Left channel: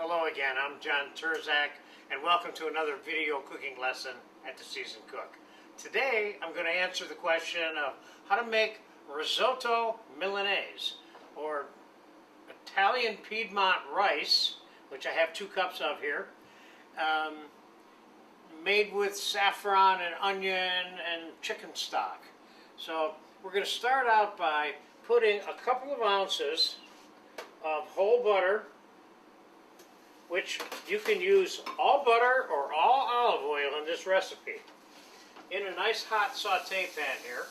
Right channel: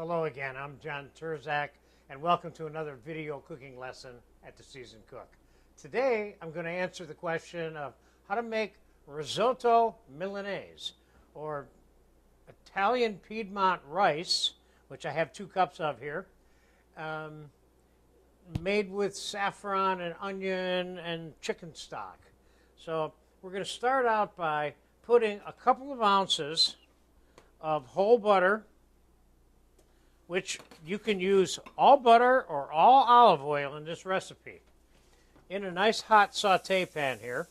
Hello again, I'm John Terzak, and welcome to another video cooking lesson at The Seasoned Cook. Today I'm going to answer the question of how to make risotto Milanese, or Italian Piedmont rice, which I have 2 cups of here, made with saffron and onion and chicken stock. So we're going to start out by putting a couple of ounces of whole butter, which you can use all butter or all olive oil in this recipe, in a nice hot saute pan here,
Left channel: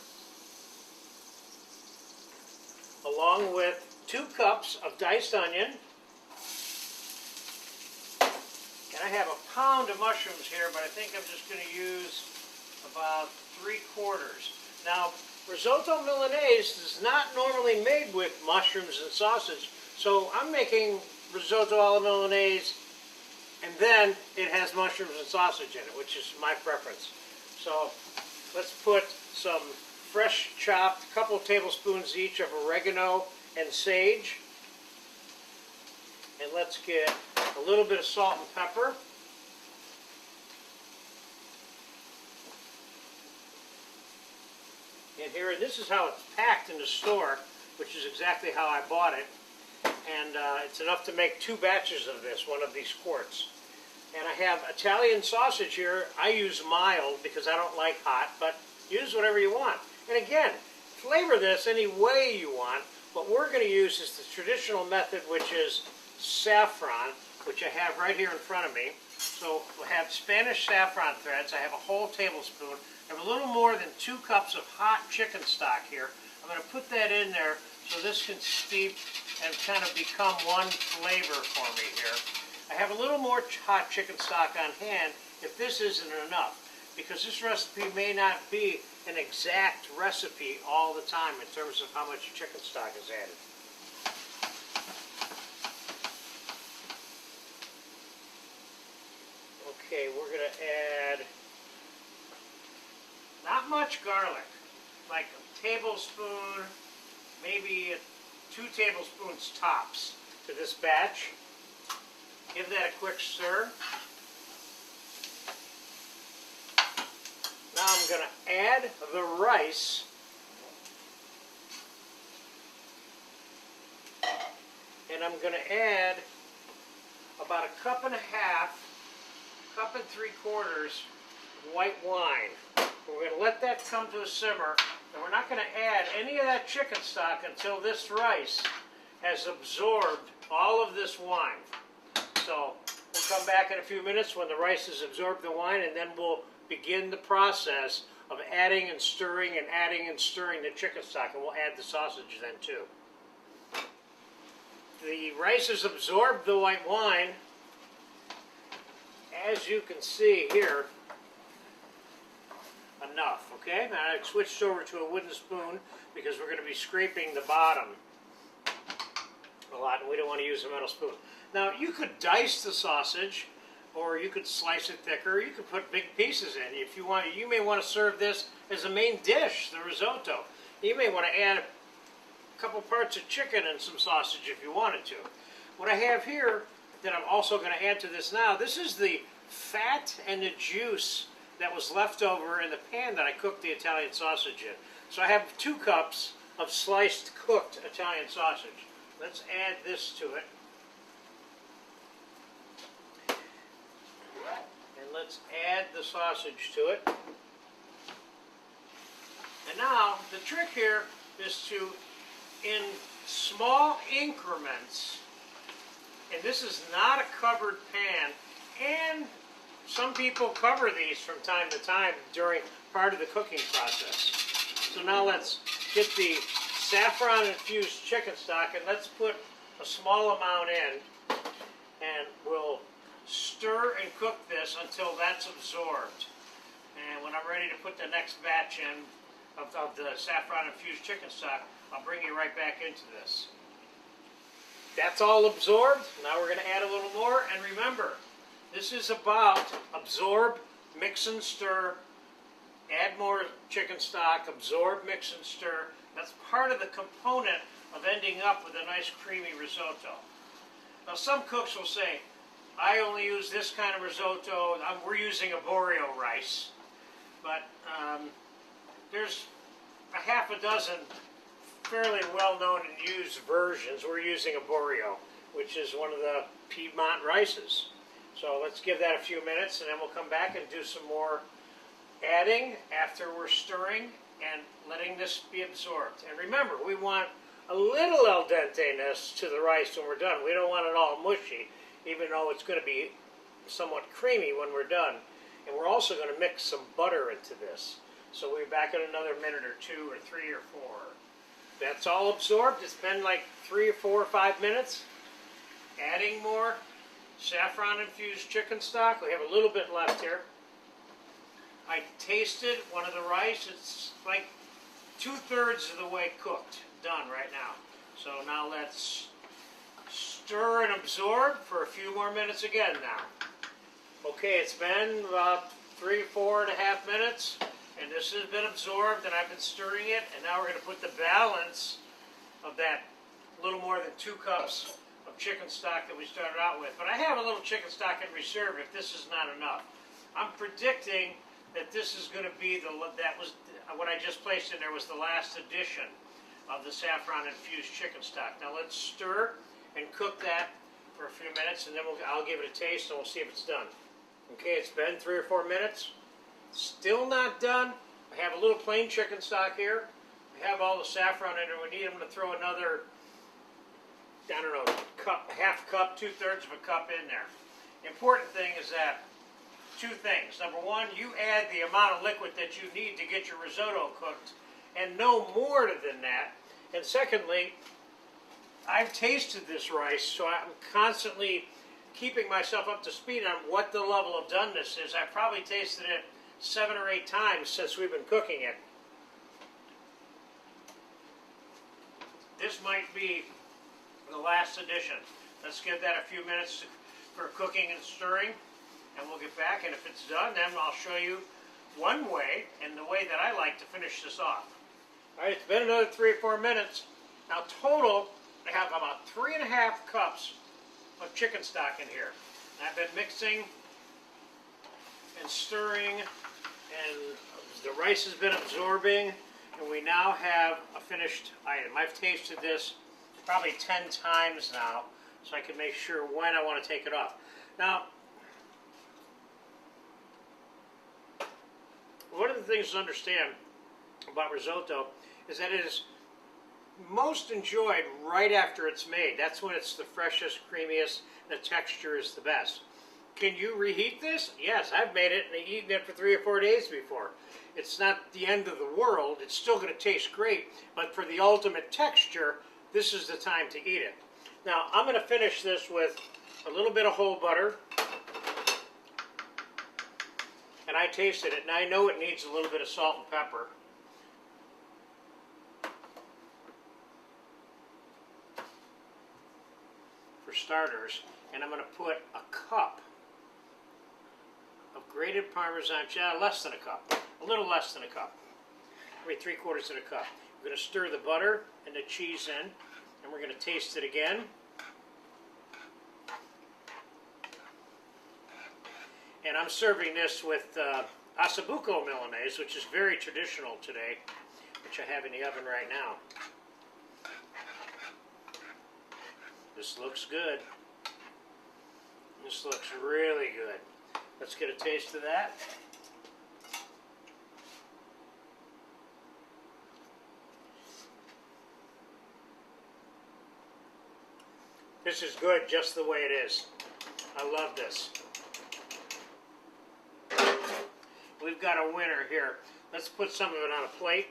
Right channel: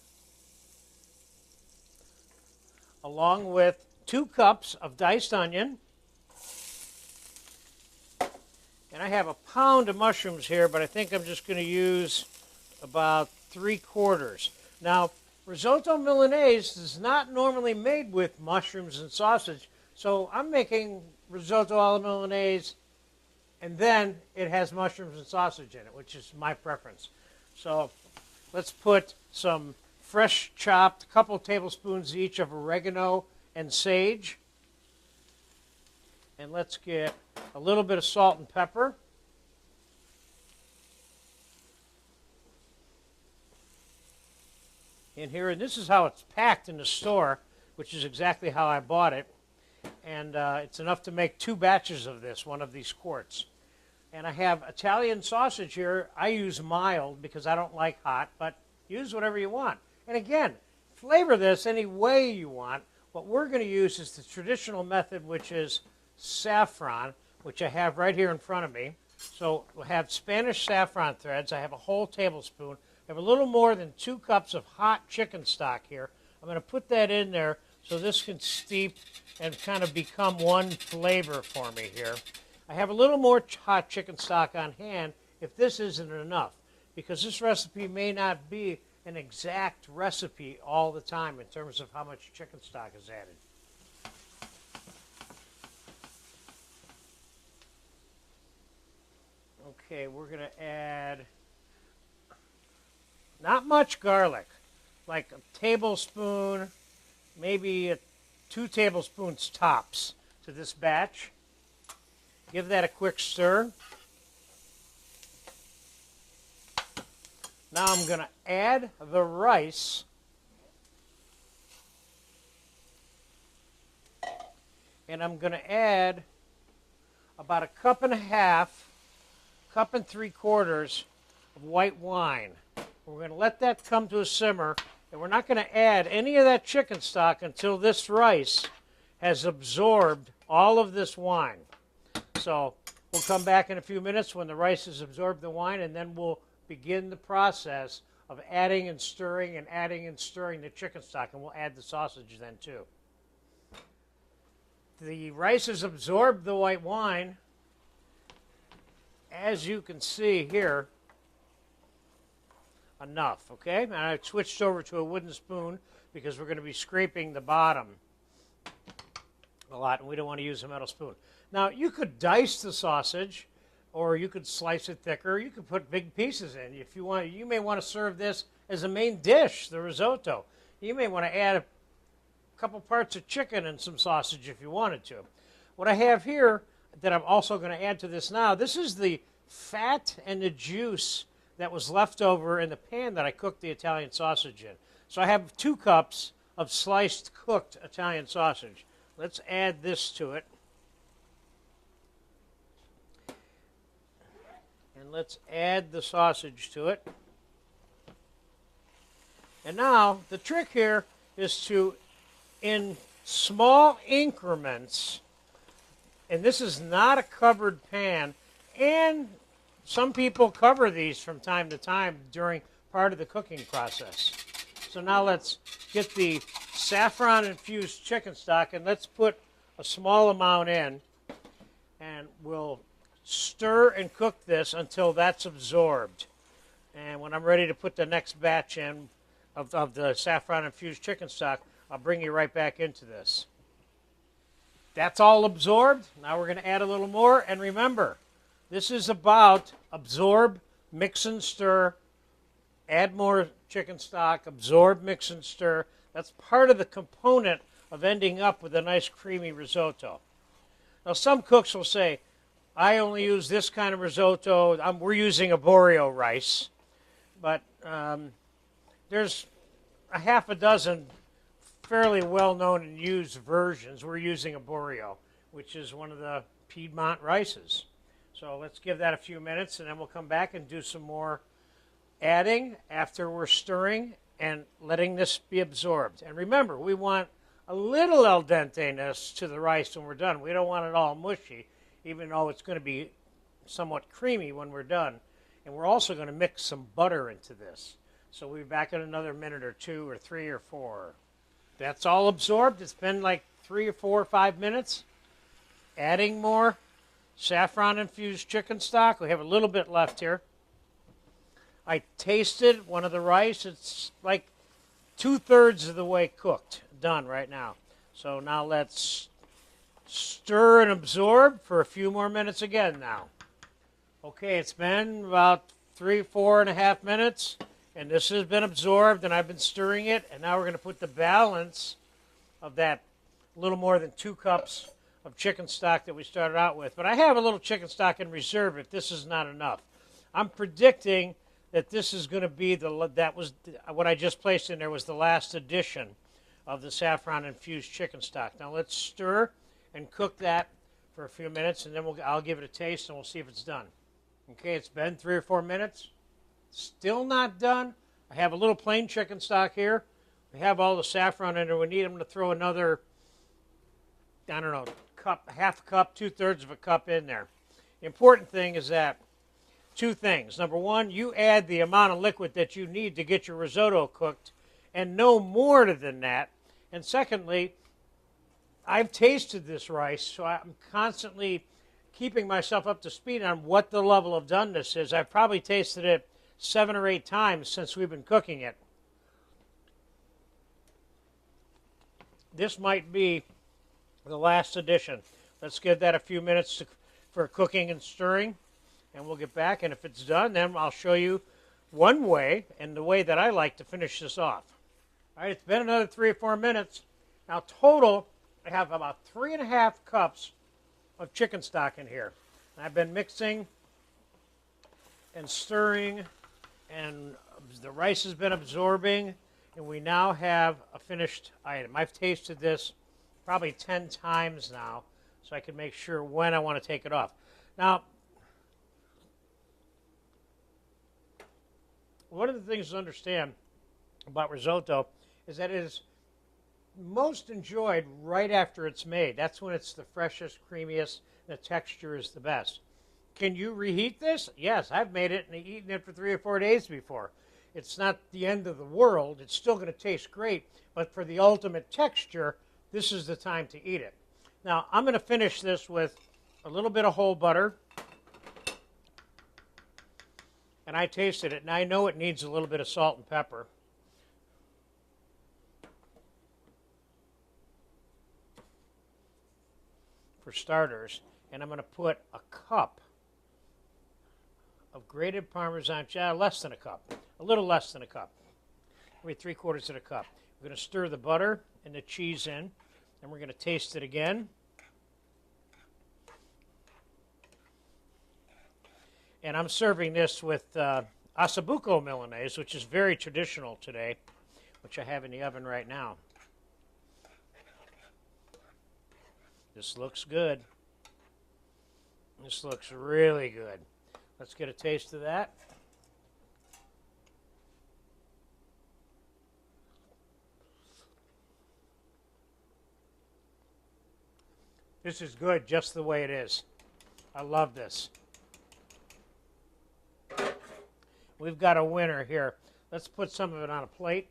along with 2 cups of diced onion. And I have a pound of mushrooms here, but I think I'm just going to use about 3/4. Now, risotto Milanese is not normally made with mushrooms and sausage, so I'm making risotto alla Milanese, and then it has mushrooms and sausage in it, which is my preference. So let's put some fresh chopped, a couple of tablespoons each of oregano and sage. And let's get a little bit of salt and pepper. In here, and this is how it's packed in the store, which is exactly how I bought it. And it's enough to make 2 batches of this, one of these quarts. And I have Italian sausage here. I use mild because I don't like hot, but use whatever you want. And again, flavor this any way you want. What we're going to use is the traditional method, which is saffron, which I have right here in front of me. So we'll have Spanish saffron threads. I have a whole tablespoon. I have a little more than 2 cups of hot chicken stock here. I'm going to put that in there so this can steep and kind of become one flavor for me here. I have a little more hot chicken stock on hand if this isn't enough, because this recipe may not be an exact recipe all the time in terms of how much chicken stock is added. Okay, we're going to add not much garlic, like a tablespoon, maybe 2 tablespoons tops to this batch. Give that a quick stir. Now I'm going to add the rice. And I'm going to add about 1.5 cups, 1.75 cups of white wine. We're going to let that come to a simmer, and we're not going to add any of that chicken stock until this rice has absorbed all of this wine. So we'll come back in a few minutes when the rice has absorbed the wine, and then we'll begin the process of adding and stirring the chicken stock, and we'll add the sausage then too. The rice has absorbed the white wine, as you can see here. Enough, okay? Now I've switched over to a wooden spoon because we're going to be scraping the bottom a lot, and we don't want to use a metal spoon. Now, you could dice the sausage, or you could slice it thicker. You could put big pieces in if you want. You may want to serve this as a main dish, the risotto. You may want to add a couple parts of chicken and some sausage if you wanted to. What I have here that I'm also going to add to this now, this is the fat and the juice that was left over in the pan that I cooked the Italian sausage in. So I have 2 cups of sliced cooked Italian sausage. Let's add this to it. And let's add the sausage to it. And now the trick here is to, in small increments, and this is not a covered pan, and some people cover these from time to time during part of the cooking process. So now let's get the saffron infused chicken stock, and let's put a small amount in, and we'll stir and cook this until that's absorbed. And when I'm ready to put the next batch in of the saffron infused chicken stock, I'll bring you right back into this. That's all absorbed. Now we're going to add a little more, and remember, this is about absorb, mix and stir, add more chicken stock, absorb, mix and stir. That's part of the component of ending up with a nice creamy risotto. Now some cooks will say, I only use this kind of risotto. We're using arborio rice, but there's a half a dozen fairly well-known and used versions. We're using arborio, which is one of the Piedmont rices. So let's give that a few minutes, and then we'll come back and do some more adding after we're stirring and letting this be absorbed. And remember, we want a little al dente-ness to the rice when we're done. We don't want it all mushy, even though it's going to be somewhat creamy when we're done. And we're also going to mix some butter into this. So we'll be back in another minute or 2 or 3 or 4. That's all absorbed. It's been like 3 or 4 or 5 minutes. Adding more saffron infused chicken stock. We have a little bit left here. I tasted one of the rice. It's like 2/3 of the way cooked. Done right now. So now let's stir and absorb for a few more minutes again now. Okay, it's been about 3-4.5 minutes, and this has been absorbed, and I've been stirring it, and now we're going to put the balance of that little more than 2 cups of chicken stock that we started out with. But I have a little chicken stock in reserve if this is not enough. I'm predicting that this is going to be what I just placed in there was the last addition of the saffron infused chicken stock. Now let's stir and cook that for a few minutes, and then I'll give it a taste and we'll see if it's done. Okay, it's been 3 or 4 minutes. Still not done. I have a little plain chicken stock here. We have all the saffron in there. We need them to throw another, I don't know, cup, half cup, 2/3 of a cup in there. The important thing is that 2 things. Number 1, you add the amount of liquid that you need to get your risotto cooked, and no more than that. And secondly, I've tasted this rice, so I'm constantly keeping myself up to speed on what the level of doneness is. I've probably tasted it 7 or 8 times since we've been cooking it. This might be the last addition. Let's give that a few minutes for cooking and stirring, and we'll get back. And if it's done, then I'll show you one way, and the way that I like to finish this off. All right, it's been another 3 or 4 minutes. Now total, I have about 3.5 cups of chicken stock in here. I've been mixing and stirring, and the rice has been absorbing, and we now have a finished item. I've tasted this probably 10 times now, so I can make sure when I want to take it off. Now, one of the things to understand about risotto is that it is most enjoyed right after it's made. That's when it's the freshest, creamiest, and the texture is the best. Can you reheat this? Yes, I've made it and eaten it for 3 or 4 days before. It's not the end of the world. It's still going to taste great, but for the ultimate texture, this is the time to eat it. Now, I'm going to finish this with a little bit of whole butter. And I tasted it, and I know it needs a little bit of salt and pepper. For starters, and I'm going to put a cup of grated Parmesan cheese, less than a cup, a little less than a cup, maybe 3/4 of a cup. I'm going to stir the butter and the cheese in, and we're going to taste it again. And I'm serving this with Risotto Milanese, which is very traditional today, which I have in the oven right now. This looks good. This looks really good. Let's get a taste of that. This is good just the way it is. I love this. We've got a winner here. Let's put some of it on a plate.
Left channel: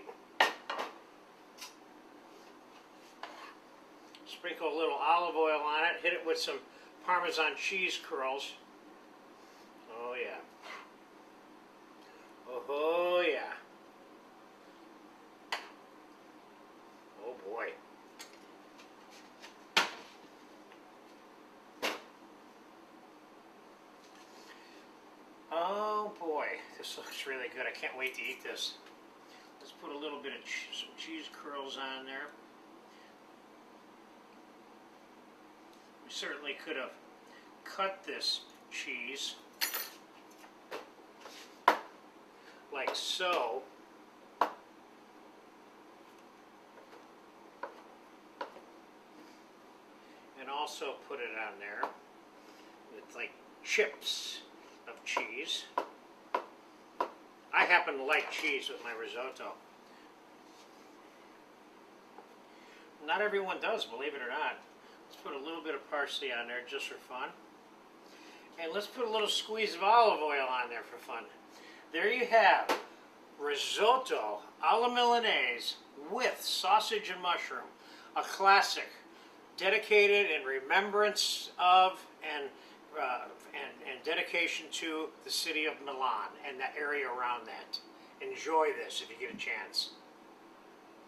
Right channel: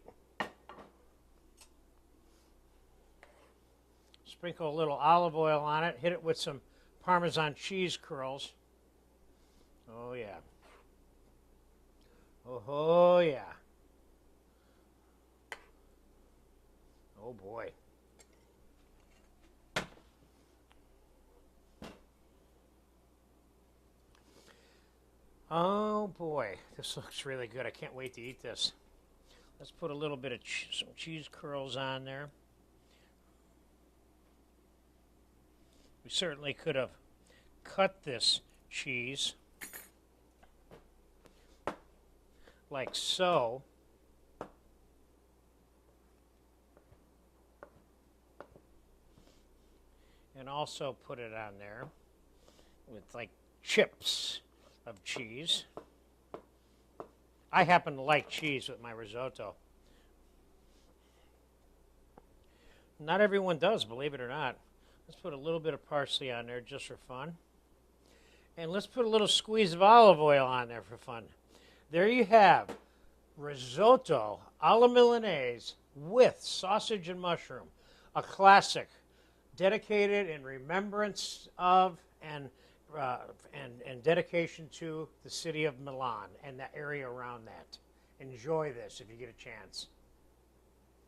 Sprinkle a little olive oil on it. Hit it with some Parmesan cheese curls. Oh yeah. Oh yeah. Oh boy. Oh boy, this looks really good. I can't wait to eat this. Let's put a little bit of some cheese curls on there. We certainly could have cut this cheese like so. And also put it on there with like chips of cheese. I happen to like cheese with my risotto. Not everyone does, believe it or not. Let's put a little bit of parsley on there just for fun. And let's put a little squeeze of olive oil on there for fun. There you have risotto alla Milanese with sausage and mushroom. A classic, dedicated in remembrance of and dedication to the city of Milan and the area around that. Enjoy this if you get a chance.